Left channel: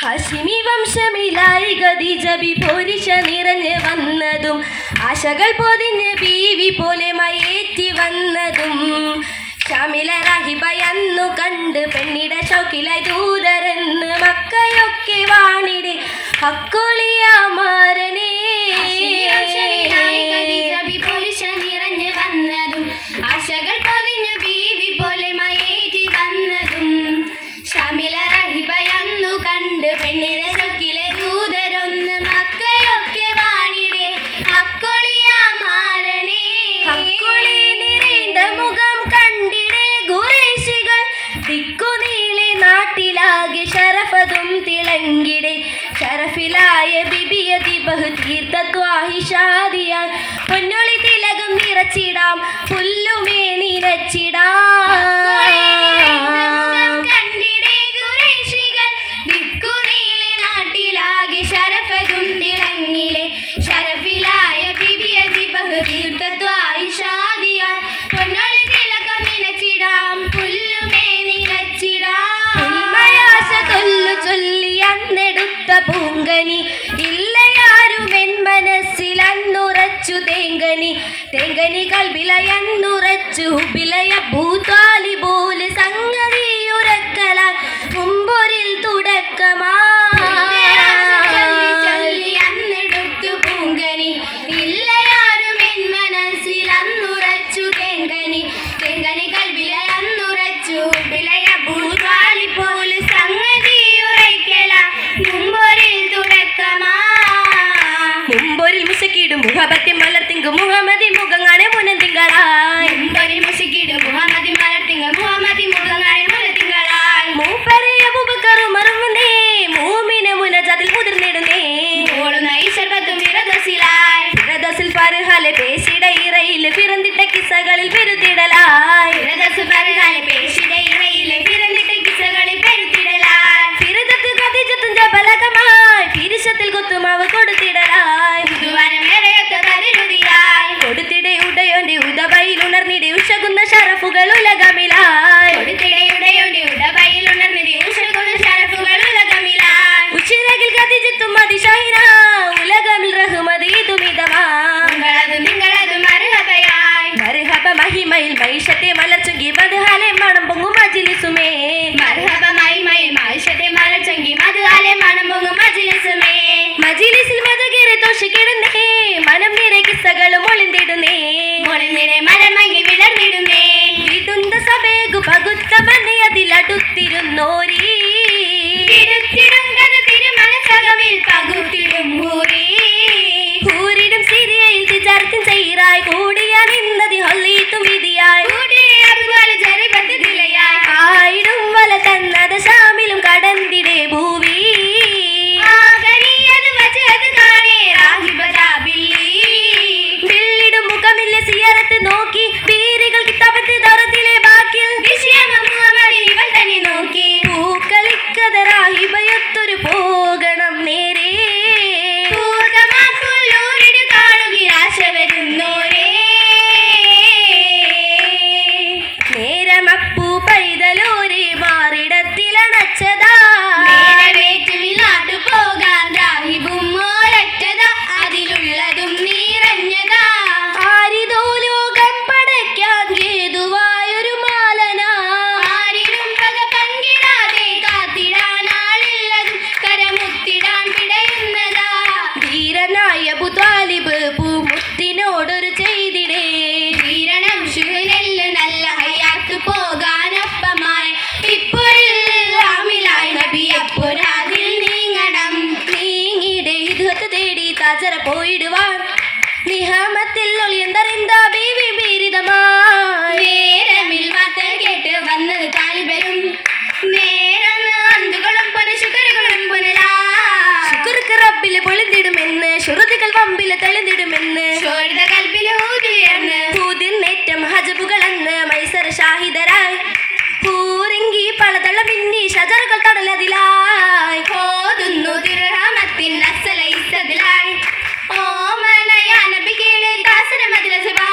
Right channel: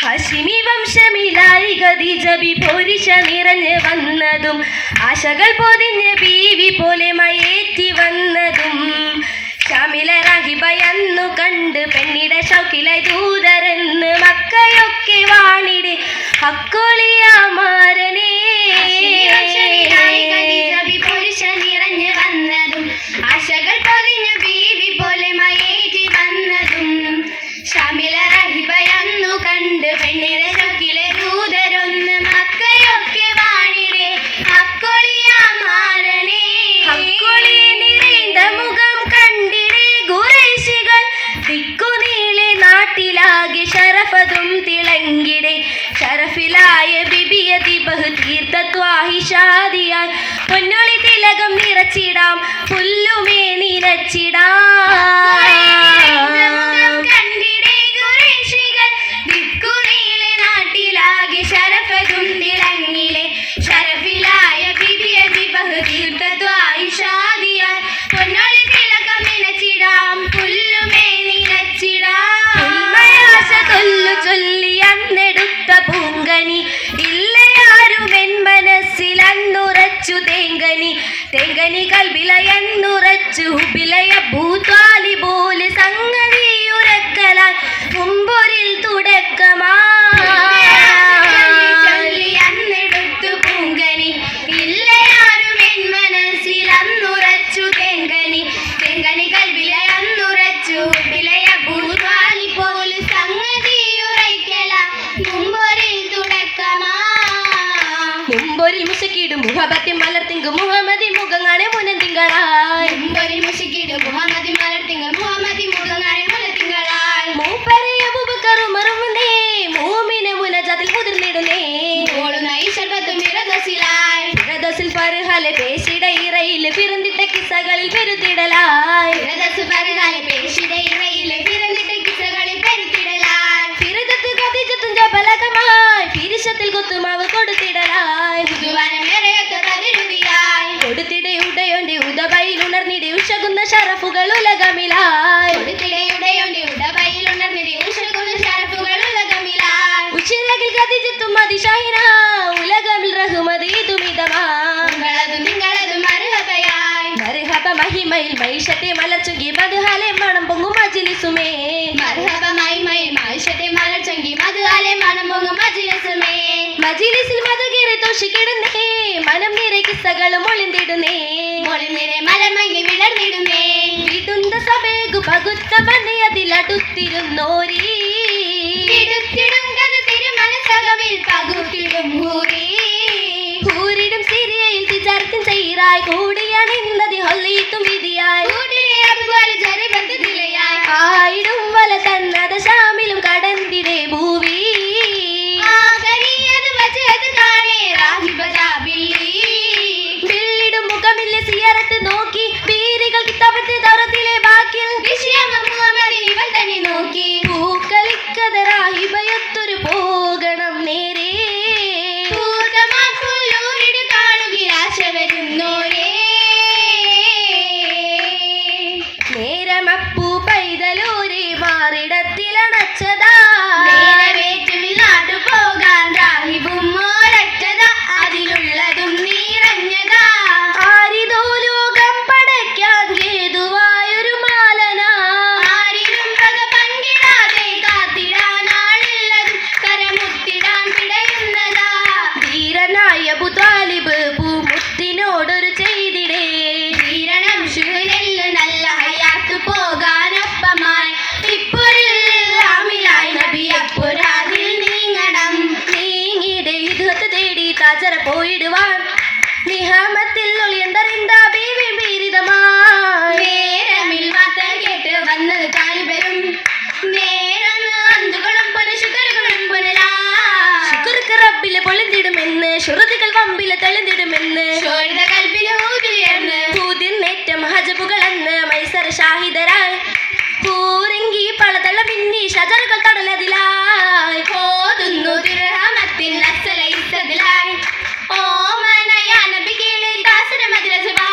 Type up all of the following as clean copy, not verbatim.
ഹാഷിമി വംശമിലായി ഖദീജ പോരിശ നിറഞ്ഞ് വന്നതും ആശകൾ പൊതിഞ്ഞ് ബീവി പോലെ മയേറ്റി വന്നതും ഷാമില രാഹിബയന്നു കണ്ട് പെണ്ണിട ഷൗക്കിലായി ദൂതരെന്ന് മക്കയൊക്കെ വാണിടെ ഹക്കൊളിയാമാരനേ നിറഞ്ഞ് വന്നതും ആശകൾ പൊതിഞ്ഞ് ബീവി പോലെ മയേറ്റി വന്നതും ഷാമില രാഹിബയന്നു കണ്ട് പെണ്ണിട ഷൗക്കിലെ ദൂതരൊന്ന് മക്കയൊക്കെ വാണിടെ ഹക്കൊളിയാമാരനേ ഹക്കൊളി നിറൈந்த മുഖം കണ്ടിടെ ഖുറൈശികൾ ദിക്കുനീളെ നാട്ടിലാകെ ശരഫതും തിളങ്ങിടെ ശരഫിലായ ബിബിയതി ബഹുതീർത്ഥത്വാഹിഷാദിയായി പൊന്നൊളി തിലകം നിറച്ചിടാം പുല്ലുമേ നിറച്ചിടാം കണ്ടിടെ ഖുറൈശികൾ ദിക്കുനീളെ നാട്ടിലാകെ ശരഫതും തിളങ്ങിടെ ശരഫിലായ ബിബിയതി ബഹുതീർത്ഥത്വാഹിഷാദിയായി പൊന്നൊളി തിലകം നിറച്ചിടാം പുല്ലുമേ നിറച്ചിടാം ഉമ്മയാശ തൊല്ലു ചൊല്ലി അന്നെടുത്ത പൂങ്കനി ഇല്ലയാരും എൻ മനസ്സിൽ അന്നുറച്ചു തേങ്കനി തേങ്കനി കൽബിലയന്നുറച്ചു ഹുബിലയ ഭൂതാലി പോലെ സംഗതി ഉറക്കലാൽ മുമ്പൊരിൽ തുടക്കമാ അന്നെടുത്തു പൂങ്കനി ഇല്ലയാരും എൻ മനസ്സിൽ അന്നുറച്ചു തെങ്കനി തെങ്കനി കൽവിലെ അന്നുറച്ചു വിലയ ഭൂതാലി പോലെ സംഗതി ഉറയ്ക്കല മുമ്പൊരിൽ തുടക്കമാ മുമ്പൊരിൽ മുശക്കിടും മുഹബത്തിൻ മലർത്തിങ്കും മുഹമ്മദി മുഖങ്ങാണെ മുനന്തിങ്കളായി മുമ്പൊരിൽ മുഷിക്കിടും മുഹമ്മദി മലർത്തിങ്കൾ മുഹമ്മദി മുഖങ്ങാണെ മുലത്തിങ്കളാൽ മൂപ്പറിയ ബുബക്കറുമറുന്നേ മൂമിന മുനജാതിൽ മുതിർന്നിടുന്നേ ഓളുന്ന ഈശ്വരത്തും വിരദസിലായി വിരദസിൽ പരുഹാലെ പേശിട ഇറയിൽ പിറന്നിട്ട കിസ്സകളിൽ പെരുത്തിടലായി വിരദസു പരകാല പേശിടെ ഇറയിലെ പിറന്നിട്ട കിസകളിൽ പെരുത്തിടലായി ഫിറദത്ത് ഖദീജത്തും ജബലകമായി പിരിശത്തിൽ കൊത്തുമാവ് കൊടുത്തിടലായി ദുവാരമേറെയൊത്ത പ്രതിരുതിയായി കൊടുത്തിടയുടയോന്റെ ഉദബയിൽ ഉണർന്നിടെ ഉഷകുന്ന ഷറഫുകൾ ഉലകമിലായി കൊടുത്തിടയുടെയുണ്ട് ഉടബയിൽ ഉണർന്നിരി ഉഷകുന്ന ശരഫുകൾ ഉലകമിലായി ഉച്ചിറകിൽ ഖദീജത്തും അതിശൈന ഉലകമിൽ റഹ്മതി തുമിതമാ നിങ്ങളതും മറുഹബയായി മർഹബ മഹിമയിൽ മൈഷത്തെ മലർച്ചെങ്കി മധുഹാലെ മണം പൊങ്ങും മജ്ലിസുമേ മർഹബമായി മായിഷത്തെ മലർച്ചെങ്കി മധുവാലെ മണം പൊങ്ങും മജ്ലിസുമേ മജ്ലിസിൽ മധുകേറെ തോഷിക്കിടുന്നേ മനം നിറെ കിസ്സകളും ഒളിന്തിടുന്നേ ഒളിനിരെ മലർമങ്ങി വിടർന്നിടുന്നേ വിടുന്ന സഭേകു പകുത്ത മനെ അതിലടുത്തിരുന്നോരീ തിടുത്തിടും കഥ തിരുമനസകവിൽ പകുത്തിടും ഭൂരി പൂരിടും സിരിയയിൽ തിജാരത്തിൻ ചെയ്റായി കൂടിയ നിന്നതി ഹൊല്ലിയിട്ടും വിധിയായി കൂടിയെ അതുപോലെ ജരിബത്ത് തിലയായി ആയിടും വല തന്നത് ശാമിലും കടന്തിടെ ഭൂവി ആകനിയത് വച്ചത് കാണേ രാഹിബജാബില്ലി ബില്ലിടും മുഖമില്ല സിയറത്ത് നോക്കി പീരികൾ കിതാബത്ത് ദൗറത്തിലെ ബാക്കിൽ വിഷയം മുഹമ്മദ് ഇവൾ തന്നെ നോക്കി പൂക്കളിക്കതറാഹിബയൊത്തൊരു പോകണം നേരെ പൂതമാക്കുള്ളൂരിട് കാണുക ആശ വരുന്നോരേ നേരമപ്പൂ പൈതലൂരി മാറിടത്തിലണച്ചതാ നേരവേറ്റിൽ നാട്ടു പോകാൻ രാഹിബും മോരറ്റതാ അതിലുള്ളതും നിറഞ്ഞതാ ആരിതോലോകം പടയ്ക്കാൻ ഹേതുവായൊരു മാലന ആരിലും പക പങ്കിടാതെ കാത്തിടാനാളുള്ളതും കരമുത്തിടാൻ പിടയുന്നതാ ധീരനായ അബൂതാലിബ് പൂമുത്തിനോടൊരു ചെയ്തിടേ വീരണം ഷുനെല്ല് നല്ല ഹയാത്ത് പോകാനൊപ്പമായി ഇപ്പൊരാമിലായി നബിയപ്പൊരാതിൽ നീങ്ങണം നീങ്ങിടെ ഇതുഹത്ത് തേടി താജറ പോയിടുവാൻ നിഹാമത്തിൽ ഒളിയന്തറിന്താ ബീവി ബീരിതമായി നേരമിൽ വാർത്ത കേട്ട് വന്നത് താലിബരും നേരം അന്തുകളും പുനശുക്കറുകളും പുനരാ ശുക്ർക്ക് റബ്ബില് പൊളിന്തിടുമെന്ന് ശുറുതികൾ കൊമ്പില് തെളിന്തിടുമെന്ന് ഷോഴുത കൽപ്പിൽ ഊതിയേർന്ന് പൂതിർന്നേറ്റം ഹജബുകളെന്ന് മൈസർ ഷാഹിദരായി പൂറിങ്കി പളതള പിന്നി ഷജറുകൾ തടലതിലായി ഓതുന്നു തിരുഹമത്തിൻ അസല ഇസതിലായി ഓമനയ നബികേലെ ദാസന മദ്രസബാ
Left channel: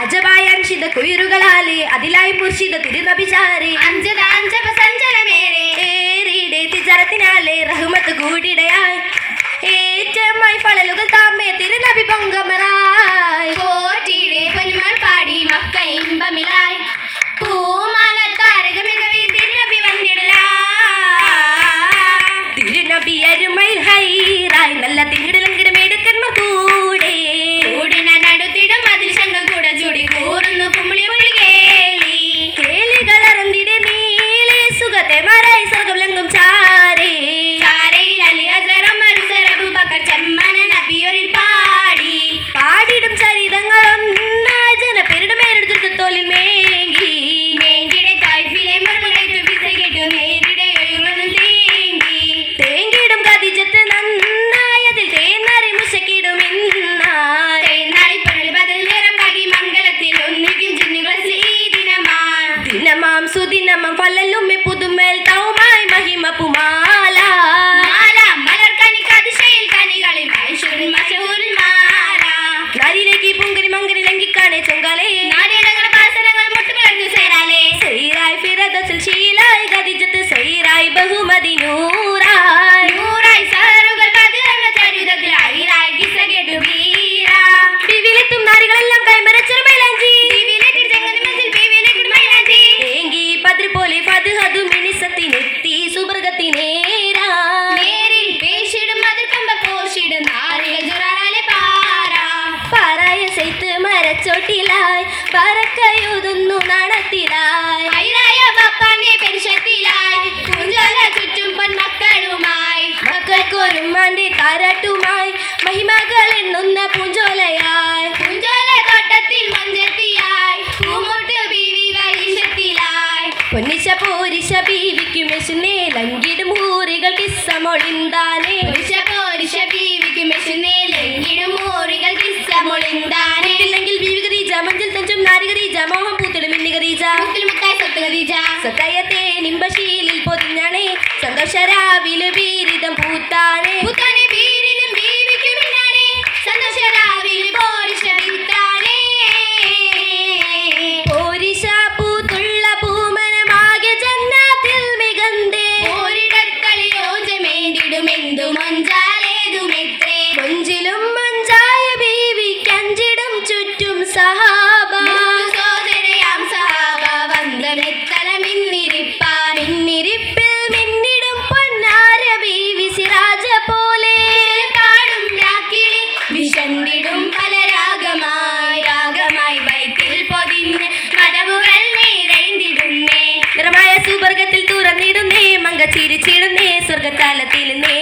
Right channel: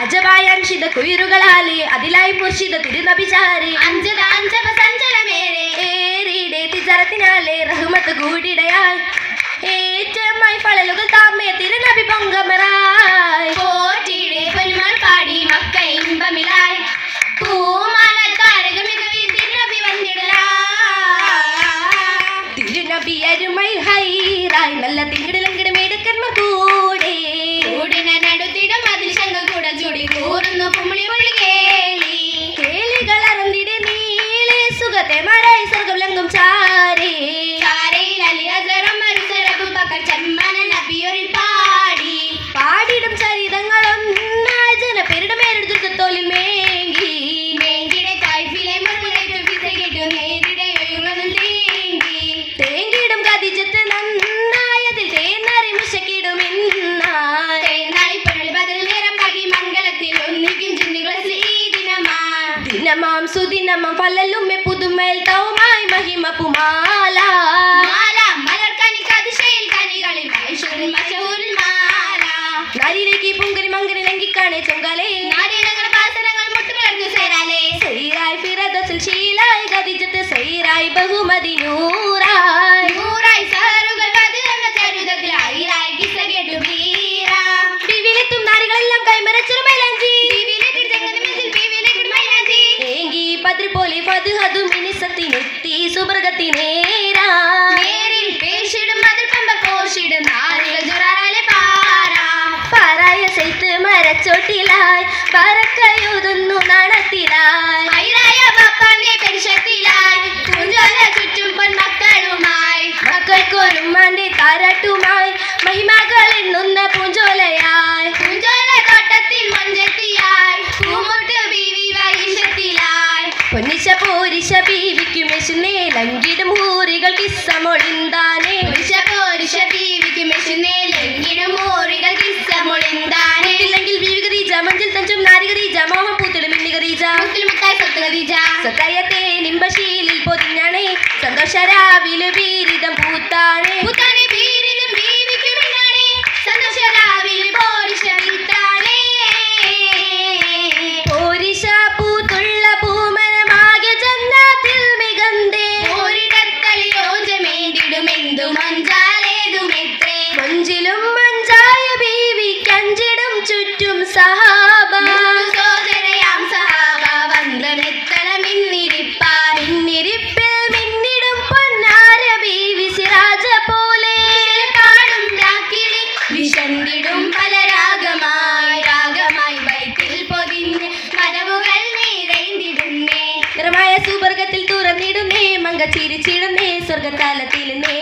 അജബായ അംശിത കുയിറുകളാലെ അതിലായി മുർഷിദ തിരുനബിചാരെ അഞ്ചത അഞ്ചപ സഞ്ചലമേറെ പിന്നാലെ റഹ്മത്ത് കൂടിടയായി ഏറ്റമായി ഫളലുകൾ താമേ തിരുനബി പൊങ്കമറായി പോറ്റിയുടെ പൊന്മാൻ പാടി മക്ക ഇമ്പമിലായി പൂമാല താരകമികവി തിരുനബി വന്നിടലാ തിരുനബി അരുമൈ ഹൈറായി നല്ല തിങ്കിടലങ്കിടമേടുക്കന്മ കൂടെ കൂടിന നടുത്തിടും അതിൽ ശങ്ക കൂട ചുടി കൂറുന്നു കുമ്മിളി മൊഴി കേളി കേളികളറിന്തിടെ നീളെ സുഖത്തെ മറായി സ്വർഗം ചാരേ ചാരയിൽ അലി അസറം അറുസർ അബൂബക്കർ ചെമ്മന നബിയൊരിൽ പാടി പാടിടും ചരിതങ്ങളൊന്നായി ജനപേരുടെ മേലെടുത്ത് തോലിൽ മേങ്ങി മേങ്കിടെ തായ്ഫിലെ മുറമലൈത്തു പിസ കേട്ടു നേരിടെ ഒഴുകുന്നു തേങ്ങി തേങ്കിടും കതിജത്ത് നന്നായതിൽ തേന്നറി മുശക്കിടും ഇന്നായി തേനാളി പൊരുൾ ബദൽ നിറം കാട്ടി മംഗളത്തിൽ ഒന്നിക്കും ചിന്നുകൾ ദിനമാണ് ദിനമാം സുദിനമാം ഫലലുമ്മെ പുതുമേൽ തൗമായി മഹിമ പുമാല മാല മലർക്കണിക്ക് അതിശയിൽ കനികളിൽ ഐശ്വര്യൻ മശഹൂരിൽ മാല നരിലേക്ക് പുങ്കിരി മങ്കിരി ലംഘിക്കാണേ ചൊങ്കാലേ നാരിടങ്ങളുടെ പാസരങ്ങൾ മുട്ടുകളർന്നു ചേരാലേ സൈറായി ഫിറദസിൽ ശീലായി ഗതിജത്ത് സൈറായി ബഹുമതി നൂറായി നൂറായി സഹറുകൾ ബദലങ്ങ ചരിതത്തിൽ ഐറായി കിസ്സ കേട്ടു വീര വിവിലെത്തും നാരികളെല്ലാം കൈമരച്ചിറ മൈലാഞ്ചി ബീവിയിലെത്തി ചെങ്ങതിമെത്തിൽ ബീവിയിലെത്തി മൈലാഞ്ചി ഏങ്കി പതിർ പോലെ ഫദ്ഹദു മിനിസത്തിനെത്തി സുബർഗത്തിനേരാ നേരിൽ പേശിടും മതിർക്കമ്പ കോശിടും നാരികൾ ജുറാറാലെ പാര പാറായ സൈത്ത് മരച്ചോട്ടിലായി പറക്കയുതുന്നു നടത്തിലായി ഐറായ ബപ്പാന്റെ പെരുശത്തിലായി കുഞ്ചോല ചുറ്റും പൊന്മക്കളുമായി മക്കൾക്കൊരുമാന്റെ താരാട്ടുമായി മഹിമകൾ എണ്ണുന്ന പൂഞ്ചോലയായി കുഞ്ചോല തോട്ടത്തിൽ മൊഞ്ചത്തിയായി പൂമുട്ട് ബീവി വലിശത്തിലായി പൊന്നിശ പോരിശ ബീവിക്കും യശുനേ ലങ്കിടും ഹൂറികൾ കിസ്സമൊളിന്താനേ പുരുഷ പോരുഷ ബീവിക്ക് മെഷുന്നേലെങ്കിലും ഊറുകൾ കിസ്സമൊളിന്താനെ ഇല്ലെങ്കിൽ ബീവി ഖദീജ മഞ്ചിൽ തഞ്ചും നാരി ഖദീജ മോഹം പൂത്തിടും മിന്നി ഖദീജ മുക്കിൽ മുത്തായി സ്വത്ത് ഖദീജ സ്വത്തയത്തെ നിമ്പശീലിൽ പൊതിഞ്ഞാണേ സന്തോഷരാവിലു ബീരിതം പൂത്താണേ മുത്താനെ ബീരിലും ബീവിക്ക് മിന്നാണേ സന്തോഷരാവിൽ പോരുഷ വിത്താണേ പോരിശ പൂത്തുള്ള പൂമനമാകെ ജന്നാത്തിൽ മികന്തേ ഓരിടക്കളിൽ ഓജമേണ്ടിടുമെന്തു മഞ്ചാലേതുമെത്രേ മഞ്ചിലും മഞ്ചായ ബീവിക്കഞ്ചിടും ചുറ്റും സഹാബ സോദരയാം സഹാബ വന്ദനെത്തലമിന്നിരിപ്പാൻ പിന്നിരിപ്പിൽ മിന്നിടും പൊന്നാര ബീവി സിറാജ പോലെ പാടും രാക്കിളി വിശന്നിടും പല രാഗമായി വയറ്റിൽ പൊതിഞ്ഞ് മടവുകൾ നിറൈന്തിടുന്നേ നിറമായ സുവർഗത്തിൽ തുറന്നിടുന്നേ മങ്ക ചിരിച്ചിടുന്നേ സ്വർഗത്താലത്തിലുന്നേ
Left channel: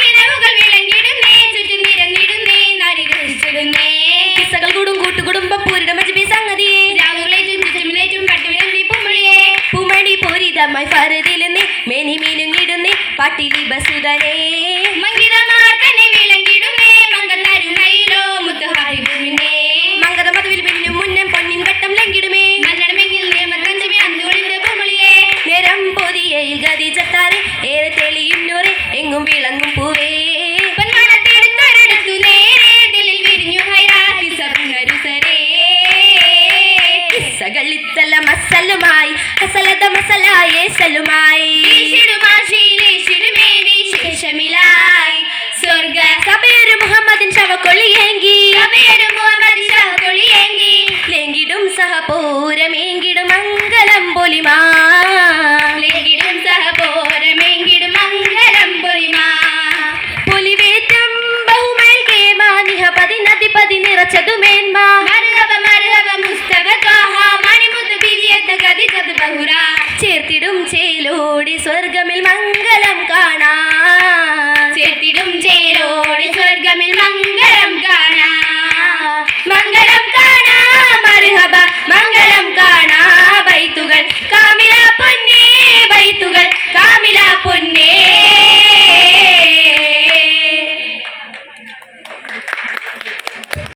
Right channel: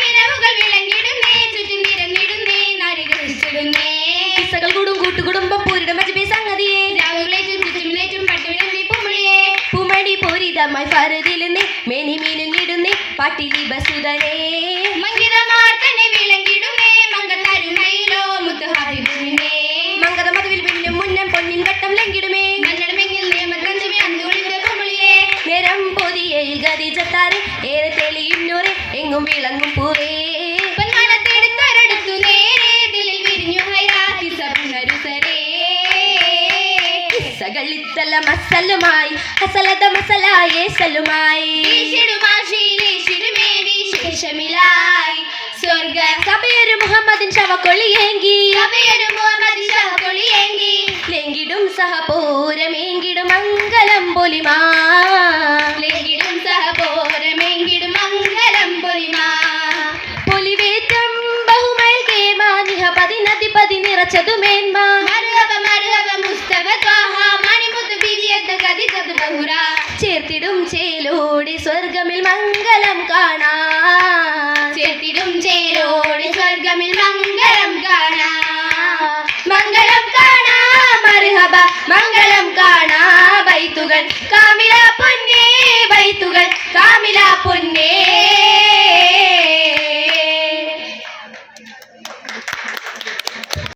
കിണവുകൾ വിളങ്ങിടുന്നേ ചുറ്റും നിരന്നിടുന്നേ നരികളിച്ചിടുന്നേ കിസ്സകൾ കൂടും കൂട്ടുകുടുംബം പൂരിടം മജ്ബി സംഗതിയെ രാവുകളേറ്റും ചുറ്റുമിലേറ്റും പട്ടുവിളമ്പി പുമ്പിളിയെ പൂമണി പൂരിതമായി ഫറുതിലുന്നേ മേനി മീനുങ്ങിടുന്നേ പാട്ടിലി ബസുതനേ മങ്കിതമാർ തന്നെ വിളങ്ങിടുന്നേ മങ്കൽ തരുണയിലോ മുത്തു ഹബീബിനെ മങ്കത മധുവിൽ പിന്നും മുന്നം പൊന്നിൻ വട്ടം ലംഘിടുമേ നല്ലടമെങ്കിൽ നിയമത്തഞ്ചമി അന്തുകൊളിന്റെ പുമ്പിളിയെ നേരം പൊതിയയിൽ ഗതിജത്താരെ ഏറെ തെളിയും നൂറെ എങ്ങും വിളങ്ങും പൂവേ പൊന്മനത്തെടുത്തൊരിടത്തു നേരെ ദിലിൽ വിരിഞ്ഞു ഹൈറാത്തി സബ്നരുസരേ കിസ്സകളിത്തല മസലുമായി ഹസലത മസലായേ സലുമായി വീശിടുമാശീലേശിടുമേ വിശേഷമിലായി സ്വർഗ സബേരു മുഹമ്മദിൻ ശവക്കൊള്ളിയേങ്കി സഭയൊരു മുഹമ്മദ് ശവക്കൊളിയെങ്കി ലെങ്കിടും സഹപൂരമേങ്കിടും മംഗലം പൊലിമാ ലെങ്കിടും സഹപോരമെങ്കിലും മംഗലം പൊലിമാ പൊലിവേറ്റം ബഹുമേൽ കേമാ നിഹ പതിനതി പതി നിറച്ചതുമേന്മാ മറുഹബ മുസ്തഫ ത്വാഹ മണിമുത്ത് ബിരിയത്ത് ഖദീജത്ത് ബഹുറ ചേർത്തിടും ചേലോടി സ്വർഗമിൽ മംഗലം കാണാ ചേർത്തിടും ചേരോടി സ്വർഗമിൽ മംഗളം കാണാ മംഗളം കാണാ മറുഹബ മംഗളം കാണാ ബൈത്തുകൾ കാമി